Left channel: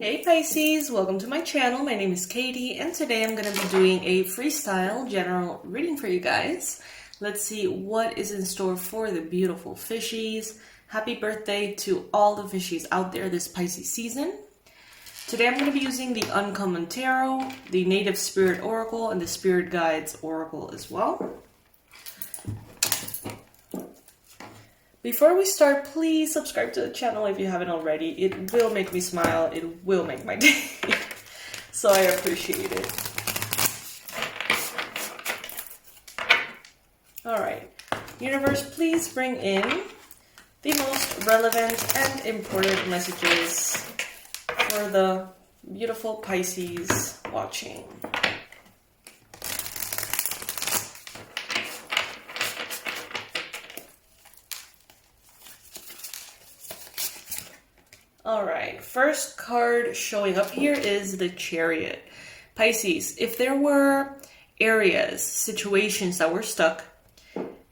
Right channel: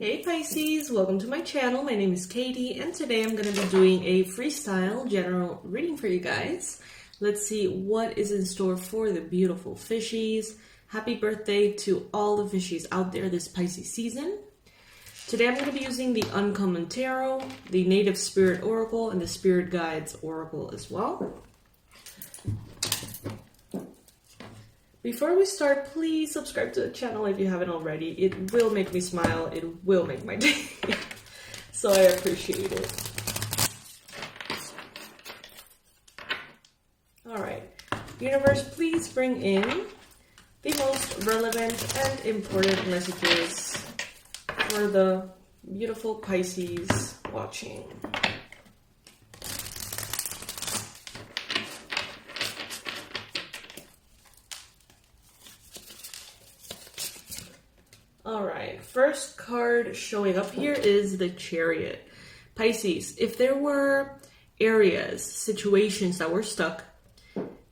Hey Pisces, welcome to my channel. My name is Katie and today I'm going to be doing a freestyle general reading for you guys. Let's see what is in store for the beautiful fishies. Happy birthday to all the fishies out there this Pisces season. Today I'm going to be using the Uncommon Tarot, the Native Spirit Oracle, and the Spirit Guides Oracle as well. Before we start, please subscribe to the channel if you haven't already. It will make me smile. It will make my day. So I appreciate it. Alright. Universe, please bring in the most relevant and important messages for the beautiful Pisces watching. Alright, first card showing up here is the Chariot. Pisces, if there were areas, situations that were stuck,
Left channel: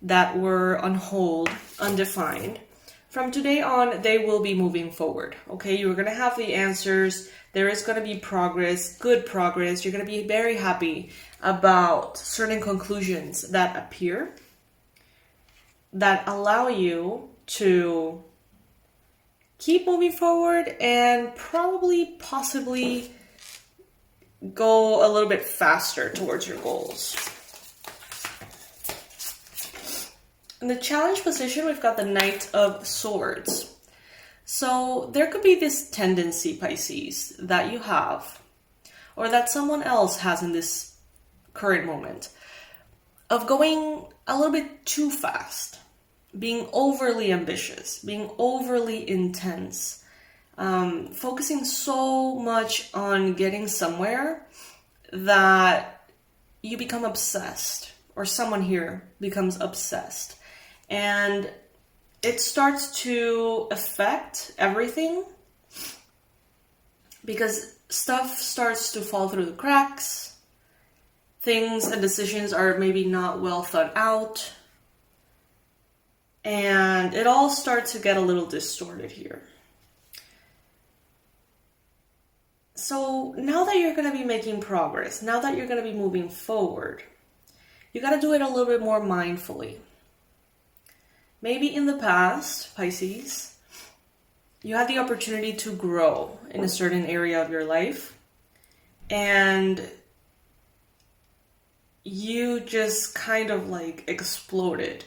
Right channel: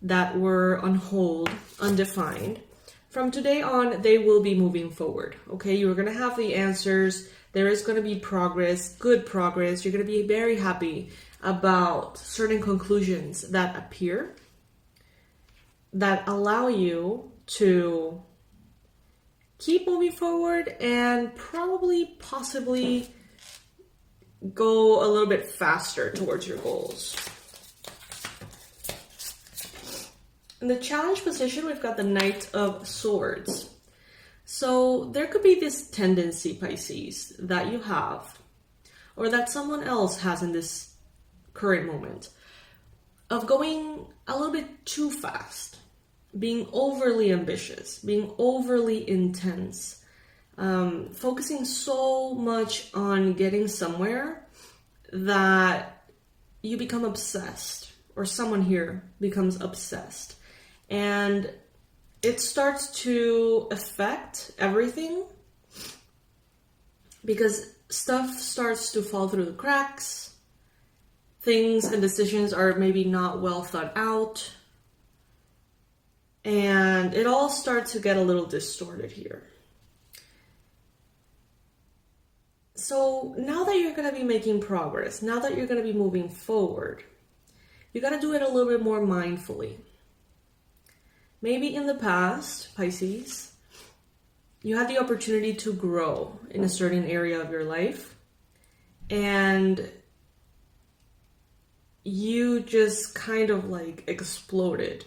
that were on hold, undefined, from today on, they will be moving forward. Okay, you're going to have the answers. There is going to be progress, good progress. You're going to be very happy about certain conclusions that appear that allow you to keep moving forward and possibly go a little bit faster towards your goals. In the challenge position, we've got the Knight of Swords. So there could be this tendency, Pisces, that you have, or that someone else has in this current moment, of going a little bit too fast. Being overly ambitious, being overly intense, focusing so much on getting somewhere that you become obsessed, or someone here becomes obsessed. And it starts to affect everything because stuff starts to fall through the cracks. Things and decisions are maybe not well thought out. And it all starts to get a little distorted here. So now that you're going to be making progress, now that you're going to be moving forward, you got to do it a little bit more mindfully. Maybe in the past, Pisces, you had the opportunity to grow in a certain area of your life, and you just kind of like exploded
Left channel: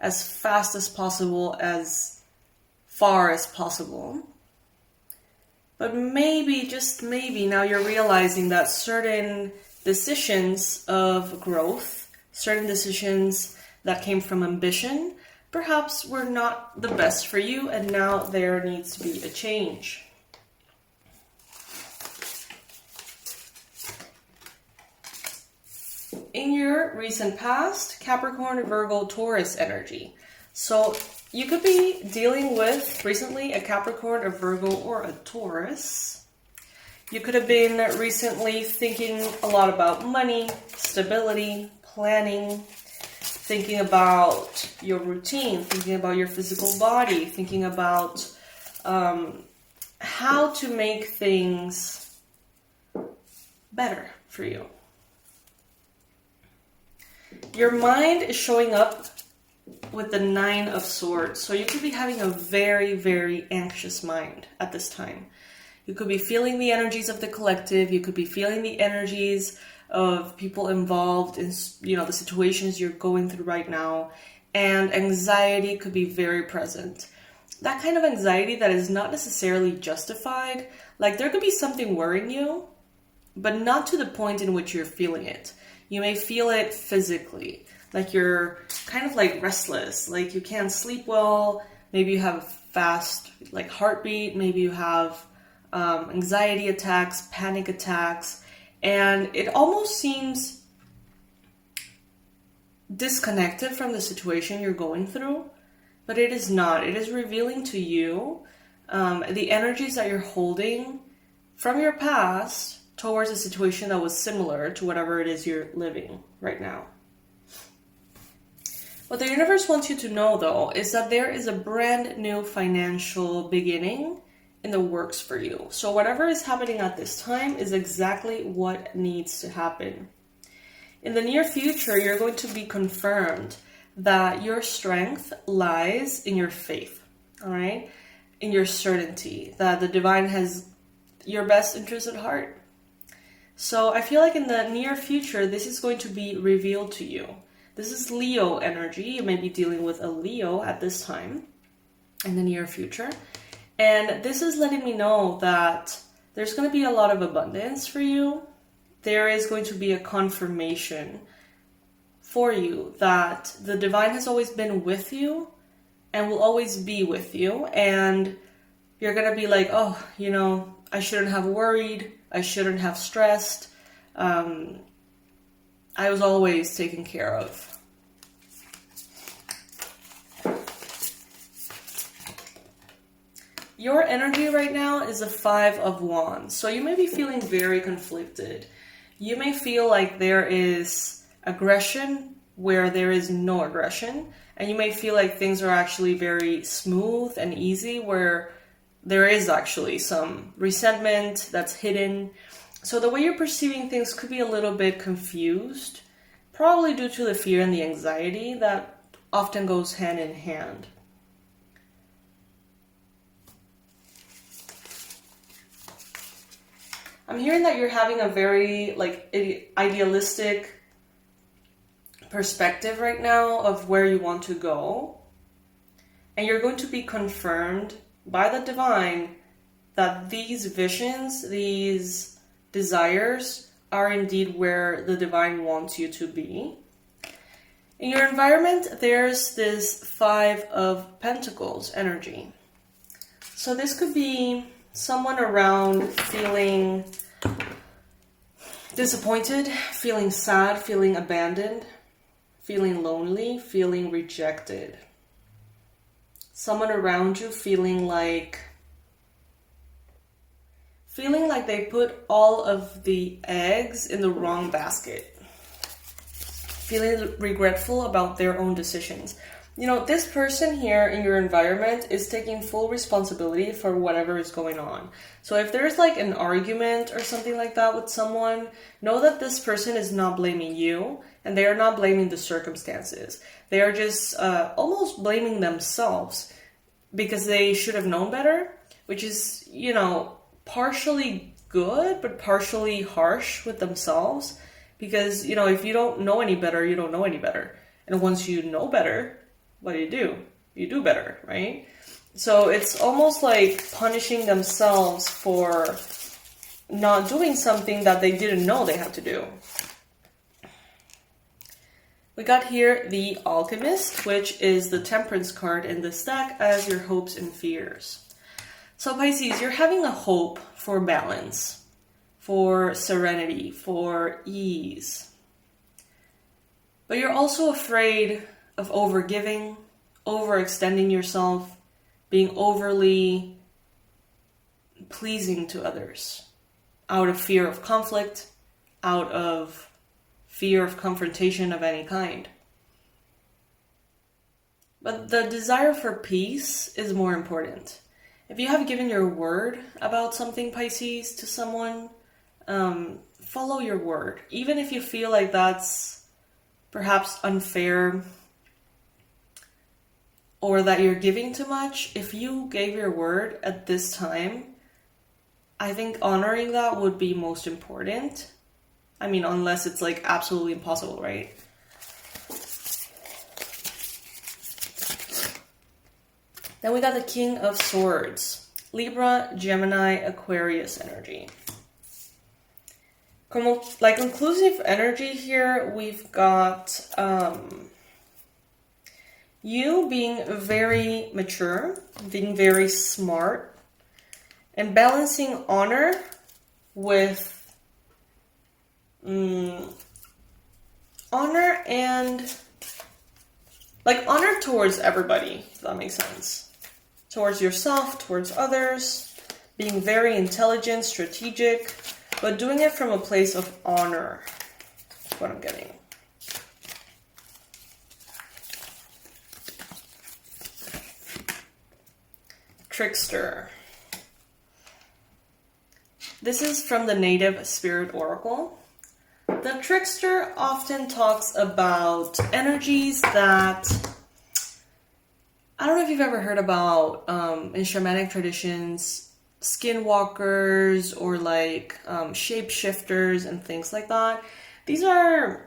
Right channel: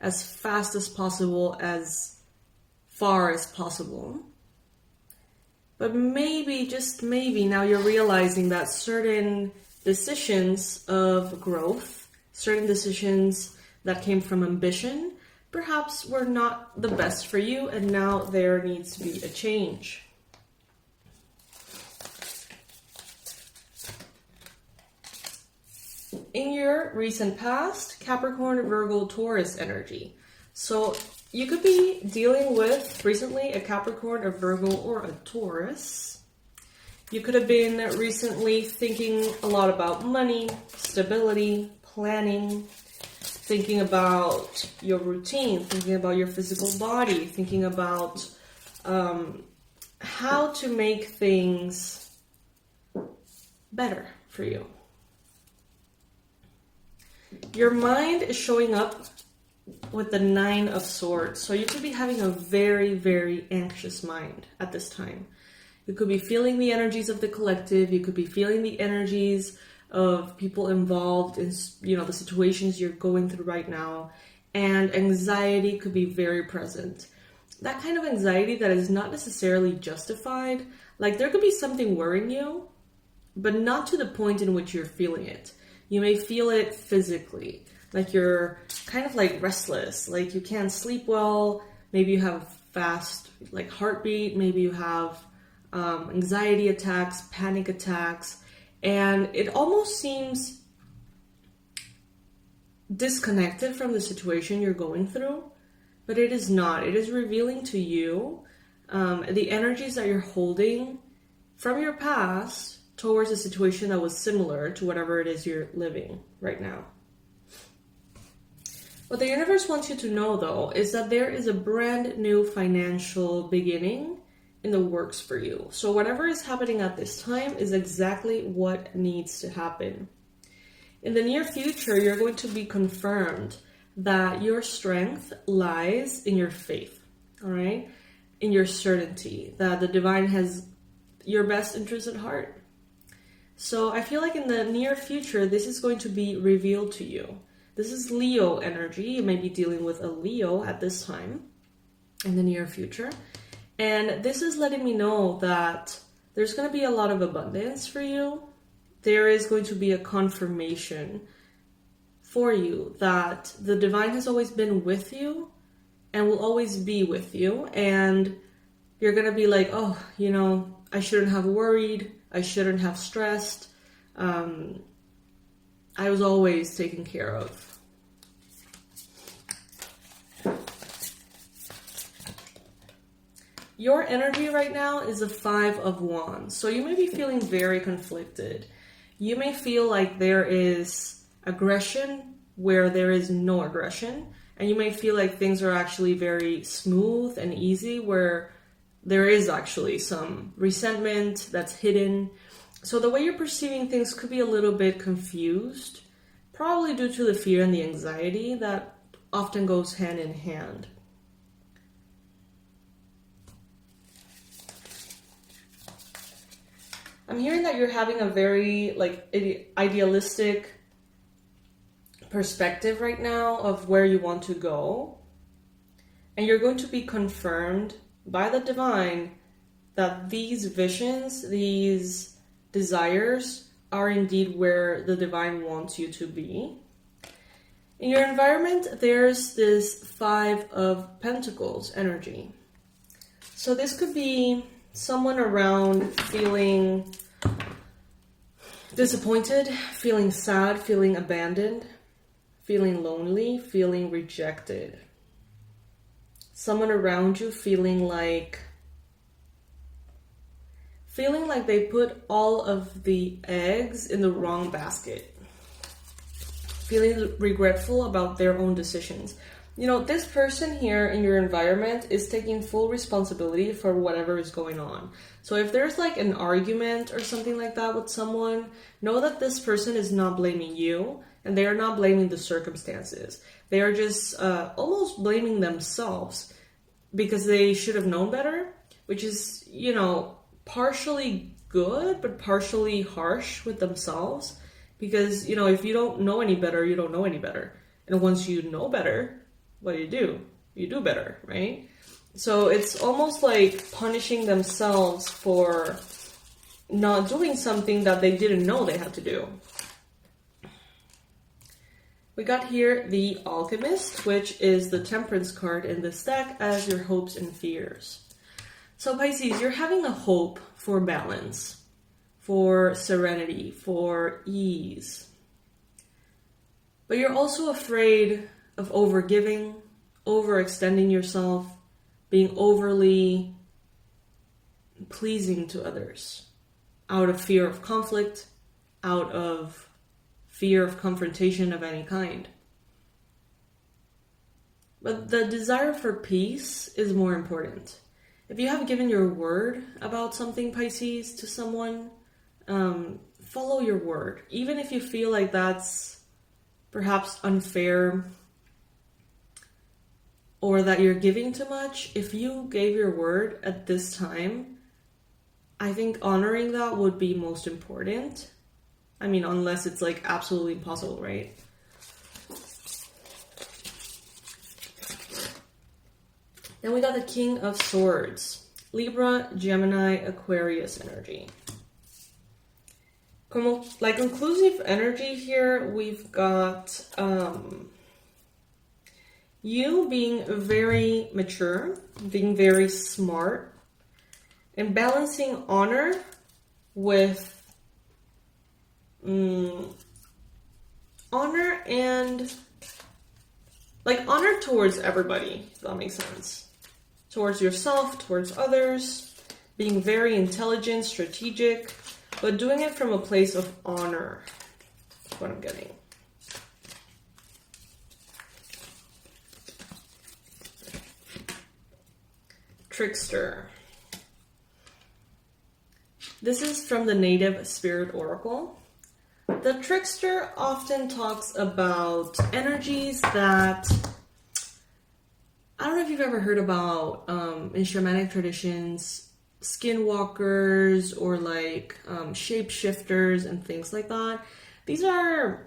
as fast as possible, as far as possible. But maybe, just maybe, now you're realizing that certain decisions of growth, certain decisions that came from ambition, perhaps were not the best for you, and now there needs to be a change. In your recent past, Capricorn, Virgo, Taurus energy. So you could be dealing with recently a Capricorn, a Virgo, or a Taurus. You could have been recently thinking a lot about money, stability, planning, thinking about your routine, thinking about your physical body, thinking about how to make things better for you. Your mind is showing up with the Nine of Swords. So you could be having a very, very anxious mind at this time. You could be feeling the energies of the collective. You could be feeling the energies of people involved in, the situations you're going through right now. And anxiety could be very present. That kind of anxiety that is not necessarily justified. Like there could be something worrying you, but not to the point in which you're feeling it. You may feel it physically, like you're kind of like restless, like you can't sleep well. Maybe you have a fast like heartbeat. Maybe you have anxiety attacks, panic attacks, and it almost seems disconnected from the situation you're going through, but it is not. It is revealing to you the energies that you're holding from your past towards a situation that was similar to whatever it is you're living right now. What the universe wants you to know, though, is that there is a brand new financial beginning in the works for you. So whatever is happening at this time is exactly what needs to happen. In the near future, you're going to be confirmed that your strength lies in your faith, all right? In your certainty that the divine has your best interest at heart. So I feel like in the near future, this is going to be revealed to you. This is Leo energy. You may be dealing with a Leo at this time in the near future. And this is letting me know that there's going to be a lot of abundance for you. There is going to be a confirmation for you that the divine has always been with you and will always be with you. And you're going to be like, oh, you know, I shouldn't have worried. I shouldn't have stressed. I was always taken care of. Your energy right now is a 5 of Wands. So you may be feeling very conflicted. You may feel like there is aggression where there is no aggression. And you may feel like things are actually very smooth and easy where there is actually some resentment that's hidden. So the way you're perceiving things could be a little bit confused, probably due to the fear and the anxiety that often goes hand in hand. I'm hearing that you're having a very idealistic perspective right now of where you want to go. And you're going to be confirmed by the divine that these visions, these desires are indeed where the divine wants you to be. In your environment, there's this 5 of Pentacles energy. So this could be someone around feeling disappointed, feeling sad, feeling abandoned, feeling lonely, feeling rejected. Someone around you feeling like they put all of the eggs in the wrong basket. Feeling regretful about their own decisions. You know, this person here in your environment is taking full responsibility for whatever is going on. So if there's like an argument or something like that with someone, know that this person is not blaming you and they are not blaming the circumstances. They are just almost blaming themselves because they should have known better, which is, you know, partially good, but partially harsh with themselves. Because, you know, if you don't know any better, you don't know any better. And once you know better, what do? You do better, right? So it's almost like punishing themselves for not doing something that they didn't know they had to do. We got here the Alchemist, which is the Temperance card in this deck as your hopes and fears. So Pisces, you're having a hope for balance, for serenity, for ease. But you're also afraid of overgiving, overextending yourself, being overly pleasing to others, out of fear of conflict, out of fear of confrontation of any kind. But the desire for peace is more important. If you have given your word about something, Pisces, to someone, follow your word. Even if you feel like that's perhaps unfair or that you're giving too much, if you gave your word at this time, I think honoring that would be most important. I mean, unless it's like absolutely impossible, right? Then we got the King of Swords, Libra, Gemini, Aquarius energy. Like inclusive energy here, we've got you being very mature, being very smart, and balancing honor with honor and like honor towards everybody, if that makes sense. Towards yourself, towards others, being very intelligent, strategic, but doing it from a place of honor. That's what I'm getting. Trickster. This is from the Native Spirit Oracle. The trickster often talks about energies that, I don't know if you've ever heard about in shamanic traditions, skinwalkers or like shapeshifters and things like that. These are,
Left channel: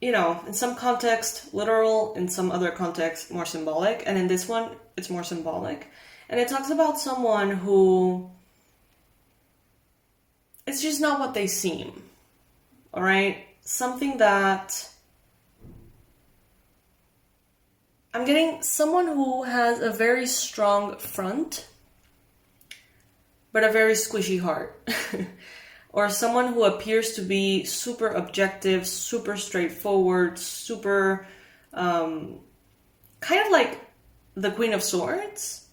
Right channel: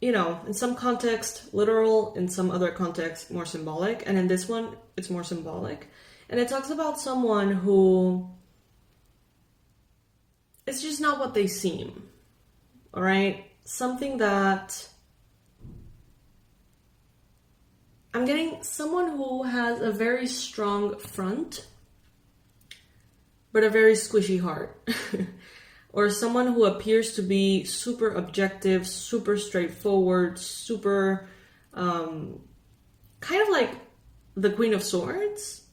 you know, in some context literal, in some other context more symbolic, and in this one it's more symbolic. And it talks about someone who, it's just not what they seem. All right, something that I'm getting, someone who has a very strong front, but a very squishy heart. Or someone who appears to be super objective, super straightforward, super, kind of like the Queen of Swords.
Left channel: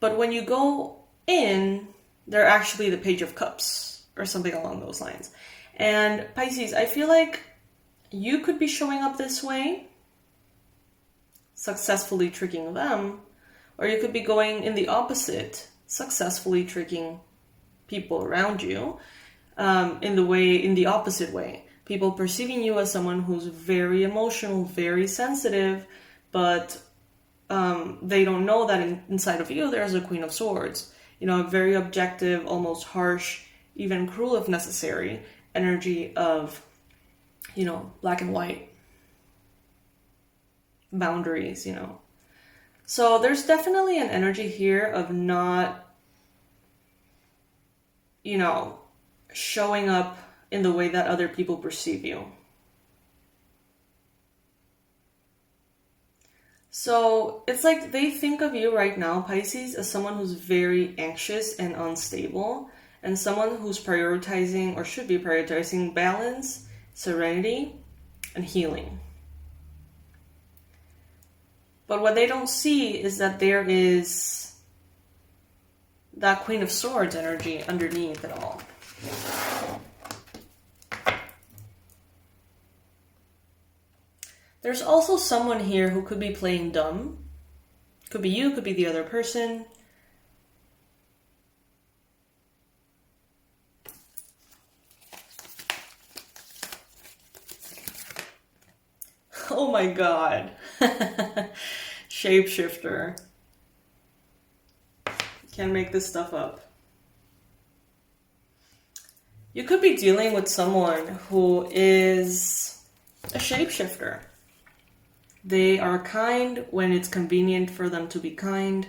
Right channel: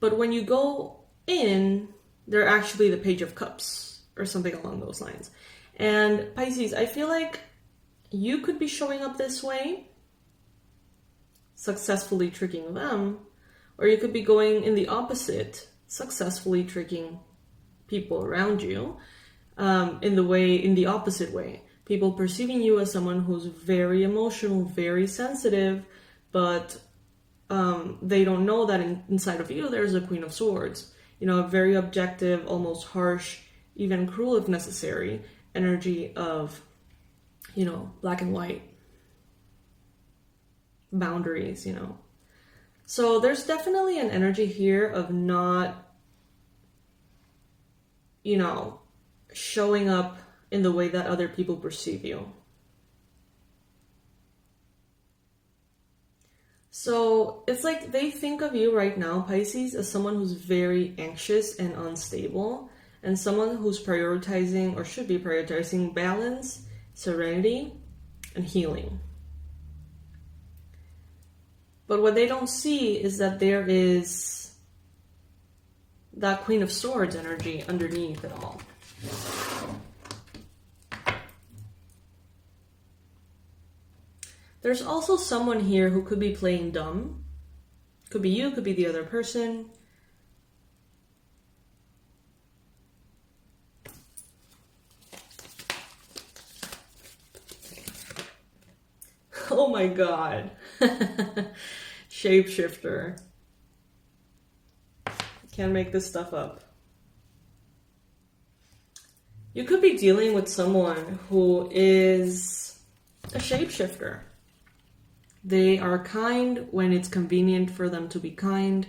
But when you go in, they're actually the Page of Cups or something along those lines. And Pisces, I feel like you could be showing up this way, successfully tricking them, or you could be going in the opposite, successfully tricking people around you, in the opposite way. People perceiving you as someone who's very emotional, very sensitive, but they don't know that inside of you there's a Queen of Swords. You know, a very objective, almost harsh, even cruel if necessary, energy of, you know, black and white boundaries, you know. So there's definitely an energy here of not, you know, showing up in the way that other people perceive you. So it's like they think of you right now, Pisces, as someone who's very anxious and unstable, and someone who's prioritizing, or should be prioritizing, balance, serenity, and healing. But what they don't see is that there is that Queen of Swords energy underneath it all. There's also someone here who could be playing dumb. Could be you, could be the other person. Oh my god. Shapeshifter. Can't make this stuff up. You could be dealing with someone who is a shapeshifter. They are kind when it's convenient for them to be kind.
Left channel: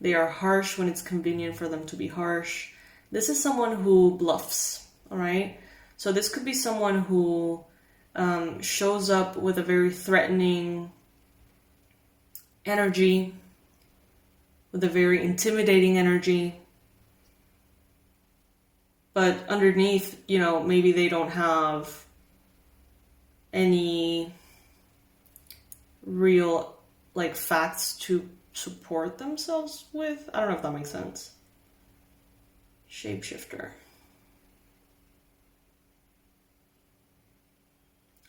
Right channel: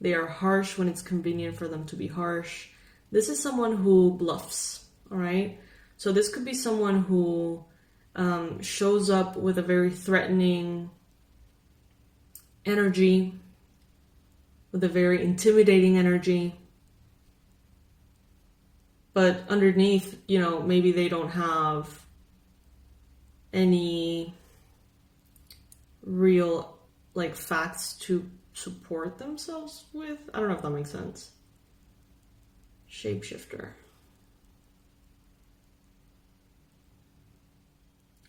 They are harsh when it's convenient for them to be harsh. This is someone who bluffs, all right? So this could be someone who shows up with a very threatening energy, with a very intimidating energy. But underneath, you know, maybe they don't have any real, like, facts to support themselves with. I don't know if that makes sense. Shapeshifter.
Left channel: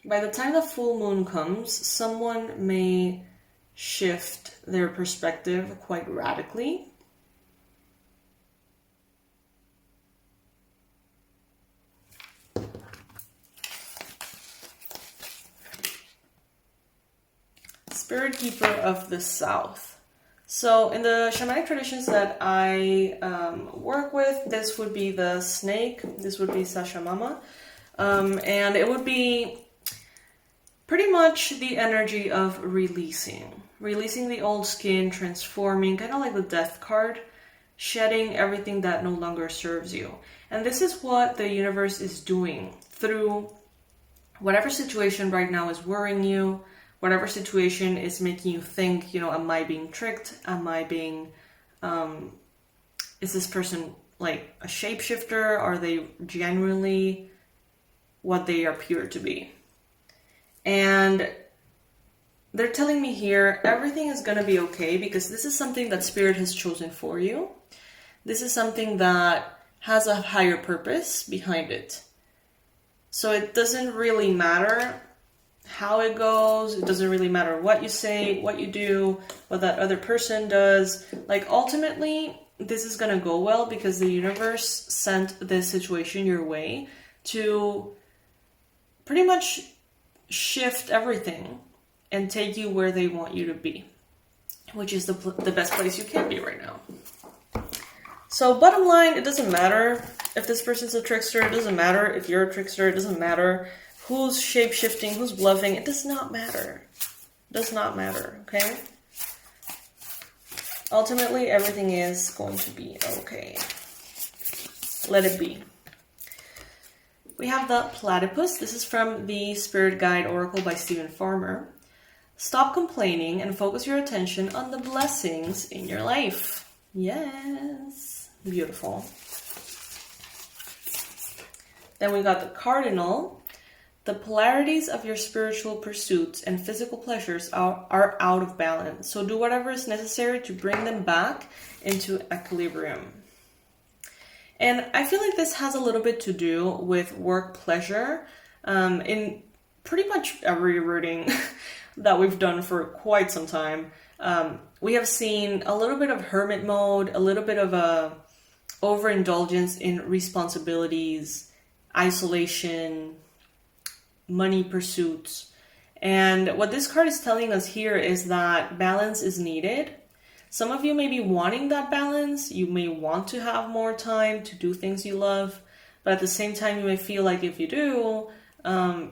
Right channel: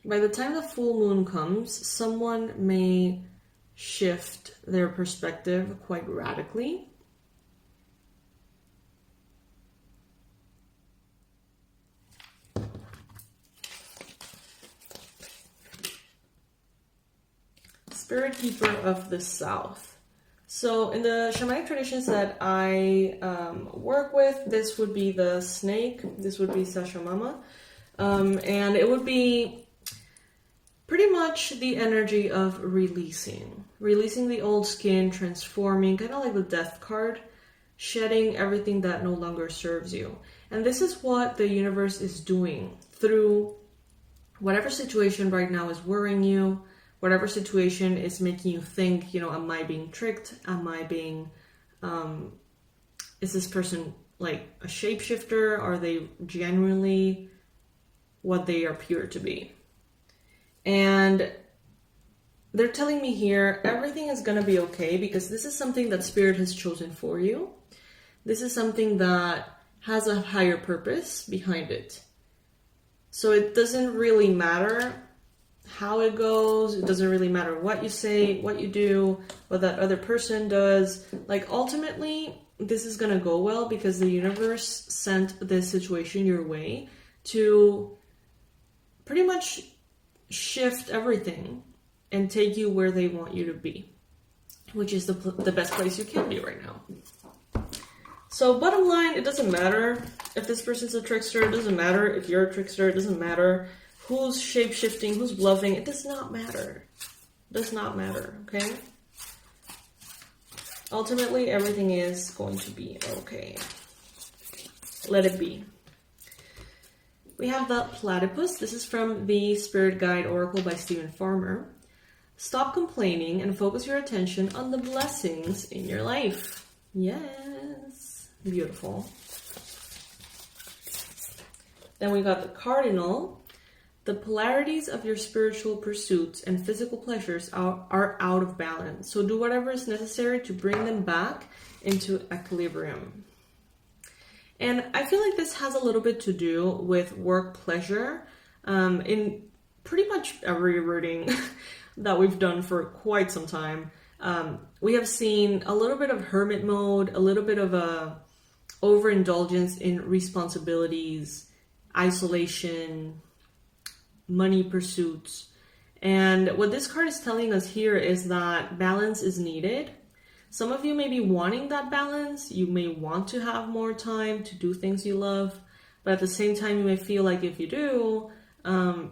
By the time the full moon comes, someone may shift their perspective quite radically. Spirit Keeper of the South. So in the shamanic traditions that I work with, this would be the snake, this would be Sashamama, and it would be pretty much the energy of releasing the old skin, transforming, kind of like the death card, shedding everything that no longer serves you. And this is what the universe is doing through whatever situation right now is worrying you, whatever situation is making you think, you know, am I being tricked? Am I being, is this person like a shapeshifter? Are they genuinely what they appear to be? And they're telling me here, everything is going to be okay, because this is something that Spirit has chosen for you. This is something that has a higher purpose behind it. So it doesn't really matter how it goes. It doesn't really matter what you say, what you do, what that other person does. Like, ultimately, this is going to go well because the universe sent this situation your way to pretty much shift everything and take you where they want you to be, which is the best place you can be right now. So bottom line, it doesn't matter if this person's a trickster. It doesn't matter if you're a trickster. It doesn't matter who's shape-shifting, who's bluffing. It does not matter. It does not matter, okay? Ultimately, everything is going to be okay. Let it be. We have the platypus. This is from the Spirit Guide Oracle by Stephen Farmer. Stop complaining and focus your attention on the blessings in your life. Yes. Beautiful. Then we got the cardinal. The polarities of your spiritual pursuits and physical pleasures are out of balance. So do whatever is necessary to bring them back into equilibrium. And I feel like this has a little bit to do with work pleasure. In pretty much every reading that we've done for quite some time, we have seen a little bit of hermit mode, a little bit of a overindulgence in responsibilities, isolation, money pursuits. And what this card is telling us here is that balance is needed. Some of you may be wanting that balance. You may want to have more time to do things you love, but at the same time, you may feel like if you do,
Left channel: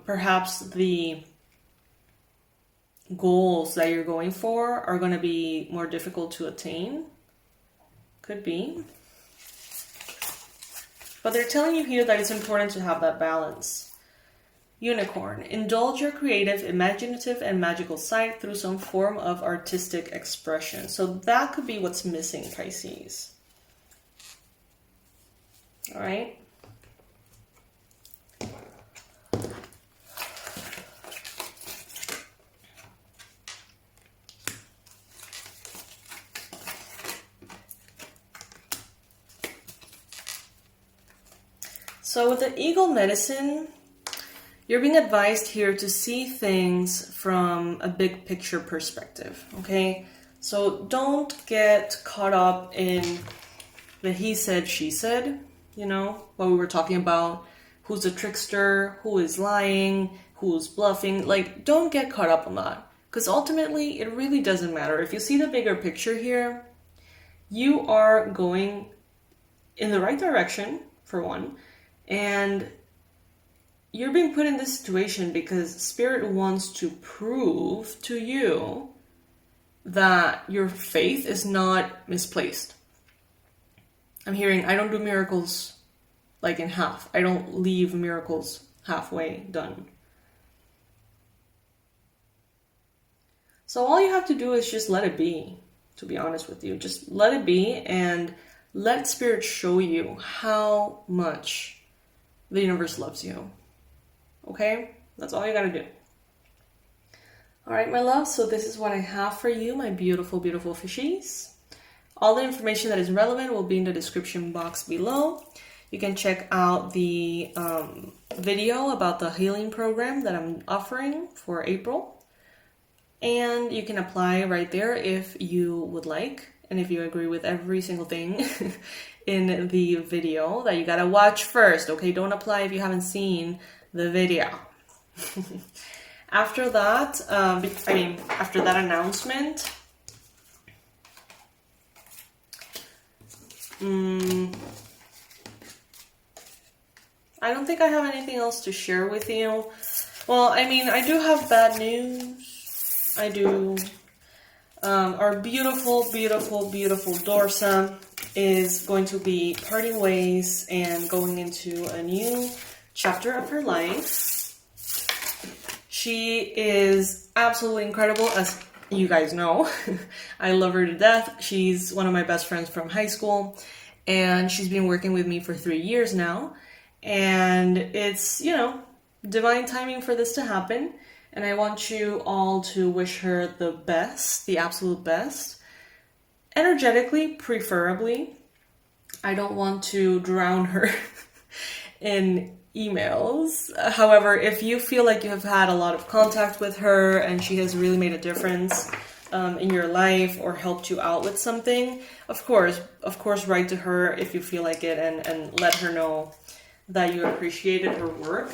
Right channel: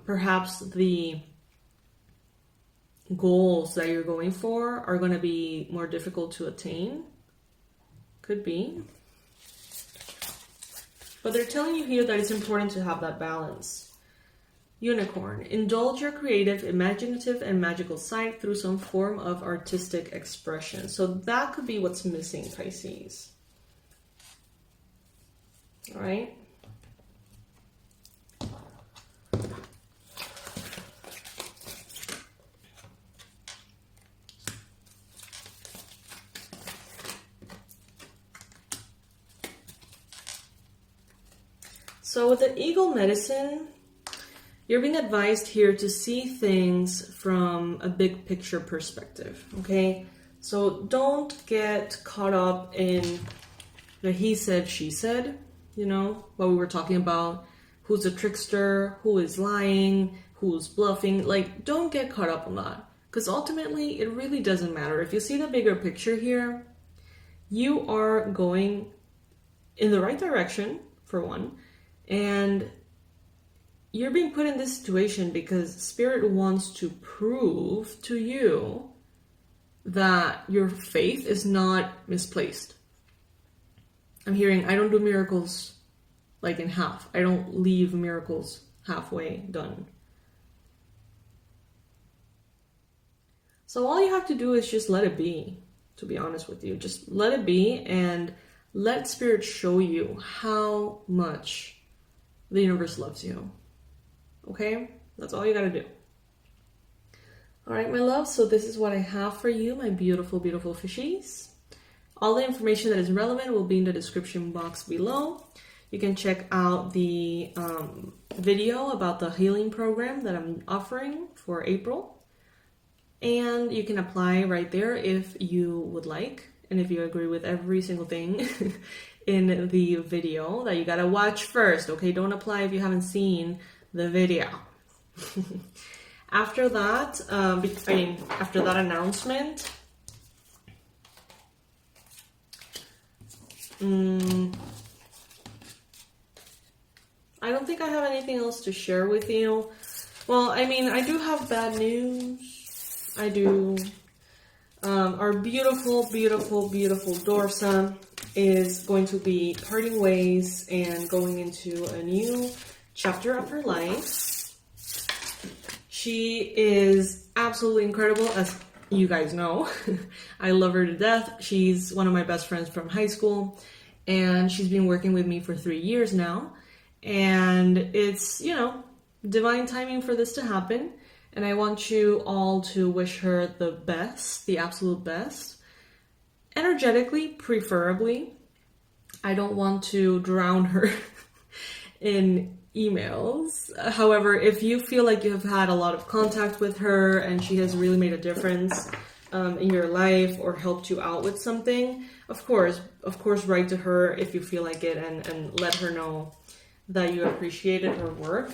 perhaps the goals that you're going for are going to be more difficult to attain. Could be. But they're telling you here that it's important to have that balance. Unicorn. Indulge your creative, imaginative, and magical side through some form of artistic expression. So that could be what's missing, Pisces. All right. So with the Eagle Medicine, you're being advised here to see things from a big picture perspective, okay? So don't get caught up in the he said, she said, you know, what we were talking about, who's a trickster, who is lying, who's bluffing. Like, don't get caught up on that, because ultimately it really doesn't matter. If you see the bigger picture here, you are going in the right direction, for one, and you're being put in this situation because Spirit wants to prove to you that your faith is not misplaced. I'm hearing, I don't do miracles like in half. I don't leave miracles halfway done. So all you have to do is just let it be, to be honest with you. Just let it be and let Spirit show you how much the universe loves you. Okay, that's all you gotta do. All right, my love, so this is what I have for you, my beautiful, beautiful fishies. All the information that is relevant will be in the description box below. You can check out the video about the healing program that I'm offering for April. And you can apply right there if you would like, and if you agree with every single thing in the video that you gotta watch first, okay? Don't apply if you haven't seen the video. After that, after that announcement, I don't think I have anything else to share with you. Well, I mean, I do have bad news. I do. Our beautiful, beautiful, beautiful Dorsa is going to be parting ways and going into a new chapter of her life. She is absolutely incredible, as you guys know. I love her to death. She's one of my best friends from high school, and she's been working with me for 3 years now. And it's, you know, divine timing for this to happen. And I want you all to wish her the best, the absolute best. Energetically, preferably. I don't want to drown her in emails. However, if you feel like you have had a lot of contact with her and she has really made a difference in your life or helped you out with something, of course, write to her if you feel like it, and let her know that you appreciated her work.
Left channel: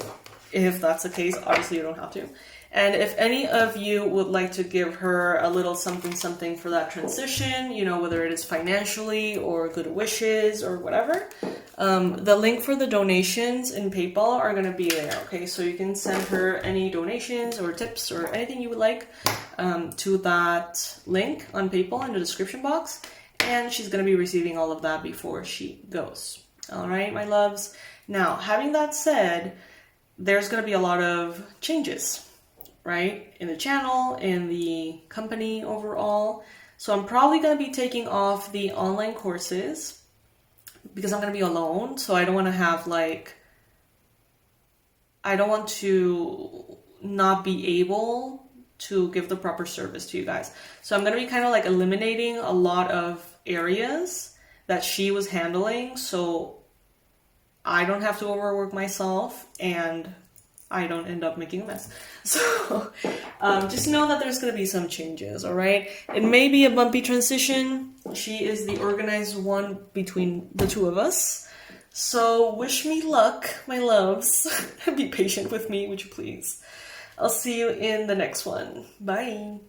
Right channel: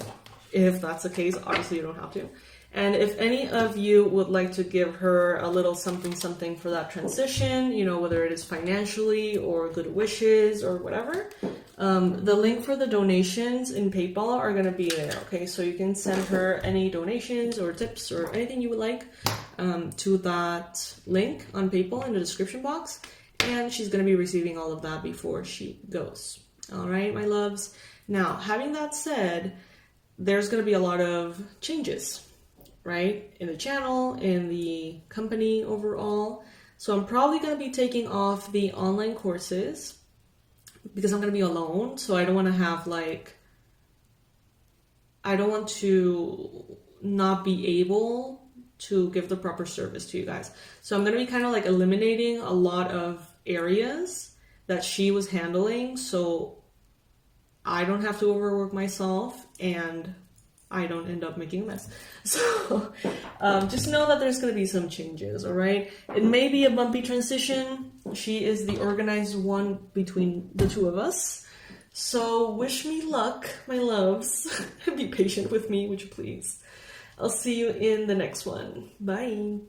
If that's the case, obviously you don't have to. And if any of you would like to give her a little something for that transition, you know, whether it is financially or good wishes or whatever, the link for the donations in PayPal are going to be in there, okay? So you can send her any donations or tips or anything you would like to that link on PayPal in the description box. And she's going to be receiving all of that before she goes. All right, my loves. Now, having that said, there's going to be a lot of changes, right? In the channel, in the company overall. So I'm probably going to be taking off the online courses because I'm going to be alone. So I don't want to have like, I don't want to not be able to give the proper service to you guys. So I'm going to be kind of like eliminating a lot of areas that she was handling. So I don't have to overwork myself and I don't end up making a mess. So just know that there's going to be some changes, all right? It may be a bumpy transition. She is the organized one between the two of us. So wish me luck, my loves. Be patient with me, would you please? I'll see you in the next one. Bye.